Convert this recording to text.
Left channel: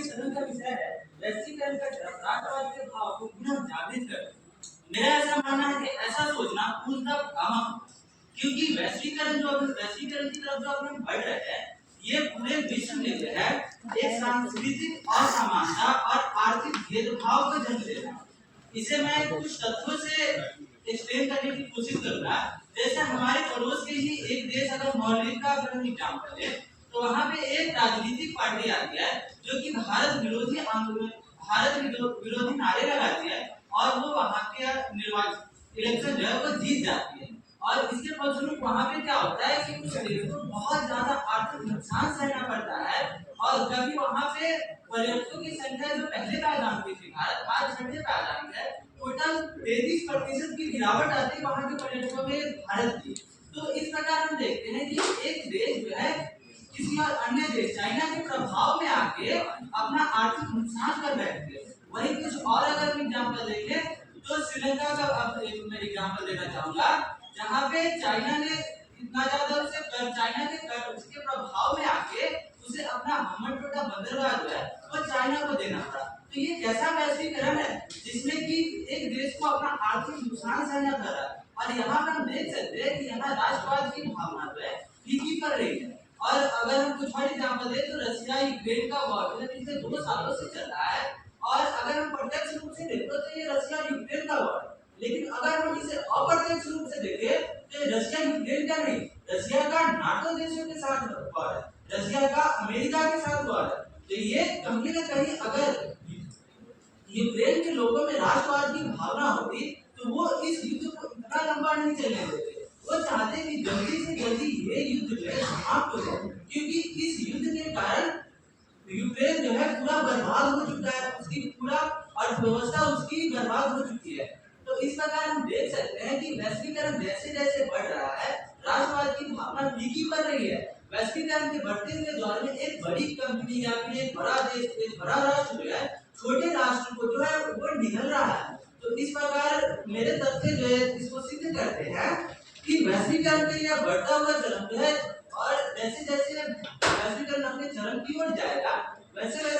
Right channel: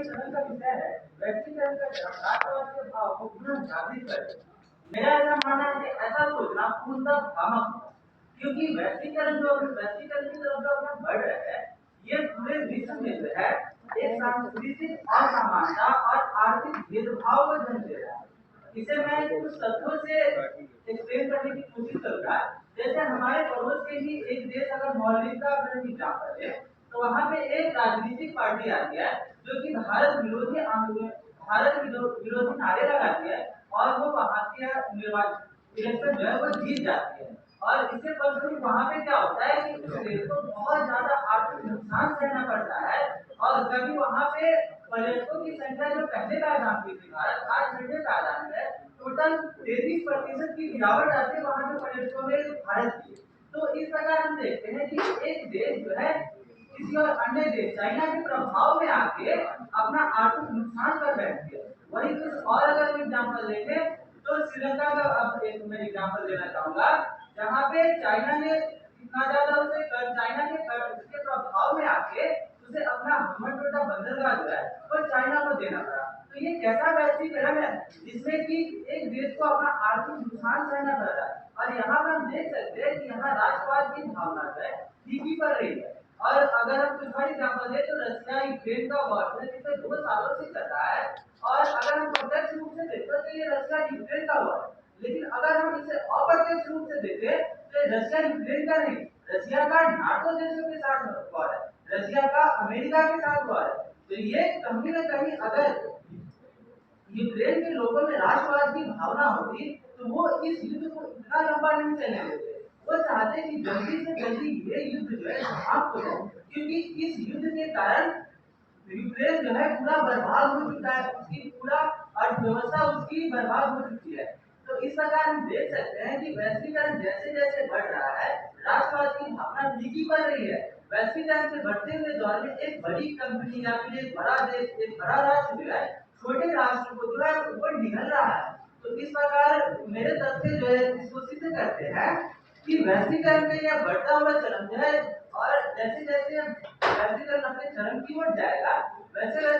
हमारे चरण का विषय है वैश्वीकरण का चरम राष्ट्रवाद के भाव को पुनः जागृत करना। मेरा ऐसा मानना है कि ऐसा सोचना पूर्णतः भ्रामक होगा, क्योंकि वैश्वीकरण की तरफ जो हम बढ़ रहे हैं, ये पूरे विश्व में जो है एक सांस्कृतिक असमानता और आर्थिक भेदभाव को जन्म दे रहा है। इसे मैं कुछ तथ्यों से एक्सप्लेन करने की कोशिश करूंगा। जैसे हमारे पड़ोस के ही एक देश अगर मॉलदीव का अगर हम एग्जाम्पल ले, तो वहाँ पे एक राजनीतिक पार्टी आती है जो कि भारत विरोधी नारे लगाती है और वो वहाँ के निर्वाचन इलेक्शन जो है वो जीत जाती है। और इसके फलस्वरूप वहाँ पे क्या होता है कि उस देश को बहुत ज्यादा आर्थिक नुकसान सहना पड़ता है। और कभी वहाँ पे पर्यटकों की संख्या जो पहले पायदान की थी भारत, आज छठे पायदान है। टोटल 33% की गिरावट आती है वहाँ के पर्यटकों में भारत की। तो इस प्रकार हम देखते हैं कि एक देश जो है किसी और अन्य देश चाइना के प्रभाव में आके अपना आर्थिक नुकसान कर बैठती है। वही कुछ और अगर हम एग्जाम्पल देखें तो श्रीलंका का अब एक मैं एग्जाम्पल देना चाहूंगा, जहाँ पे चाइना ने इतना ज्यादा उसके प्रभाव में आके उसे अपना हम्मनटोटा बंदरगाह जो है वो चाइना को देना पड़ा। तो ये कैसा वैश्वीकरण है जिसमें कि एक देश को अपना आर्थिक नुकसान सहना पड़ रहा है। और यहाँ पे हम देख सकते हैं कि यहाँ राष्ट्रवाद की भावना जो है फीकी पड़ रही है। और अगर हम कुछ और एग्जाम्पल दें तो रशिया यूक्रेन का वॉर पिछले 2 सालों से चल रहा है। और अगर हम प्रत्यक्ष रूप से देखें तो ये रशिया यूक्रेन का वॉर है, लेकिन अगर हम इसे अप्रत्यक्ष रूप से देखें तो रशिया यूक्रेन का नहीं, रशिया का नाटो देशों के साथ वॉर है, रशिया का अमेरिका के साथ वॉर है। तो ये कहीं ना कहीं अगर यूक्रेन के लोगों में राष्ट्रवाद की भावना होती तो वो इस युद्ध को इतना लंबा नहीं चलने देते। वो चाहते कि जल्दी से जल्दी ये युद्ध जो है समाप्त हो जाए, क्योंकि इस युद्ध के कारण यूक्रेन जो है पूरा बर्बाद हो चुका है, उसकी पूरा अर्थव्यवस्था उसकी बर्बाद हो चुकी है। तो इस प्रकार हम देख सकते हैं कि वैश्वीकरण जैसे जैसे बढ़ रहा है, राष्ट्रवाद की भावना फीकी पड़ रही है। वैश्वीकरण के बढ़ते हुए दौर में एक बड़ी कंपनी या फिर एक बड़ा देश, एक बड़ा राष्ट्र जो है छोटे राष्ट्र को जो है वो निगल रहा है। तो इस प्रकार मेरे तथ्य जो है इसको सिद्ध करते हैं कि वैश्वीकरण का यह बढ़ता हुआ चलन जो है, और जैसे जैसे वैश्वीकरण अपने चरम की ओर जाएगा वैसे वैसे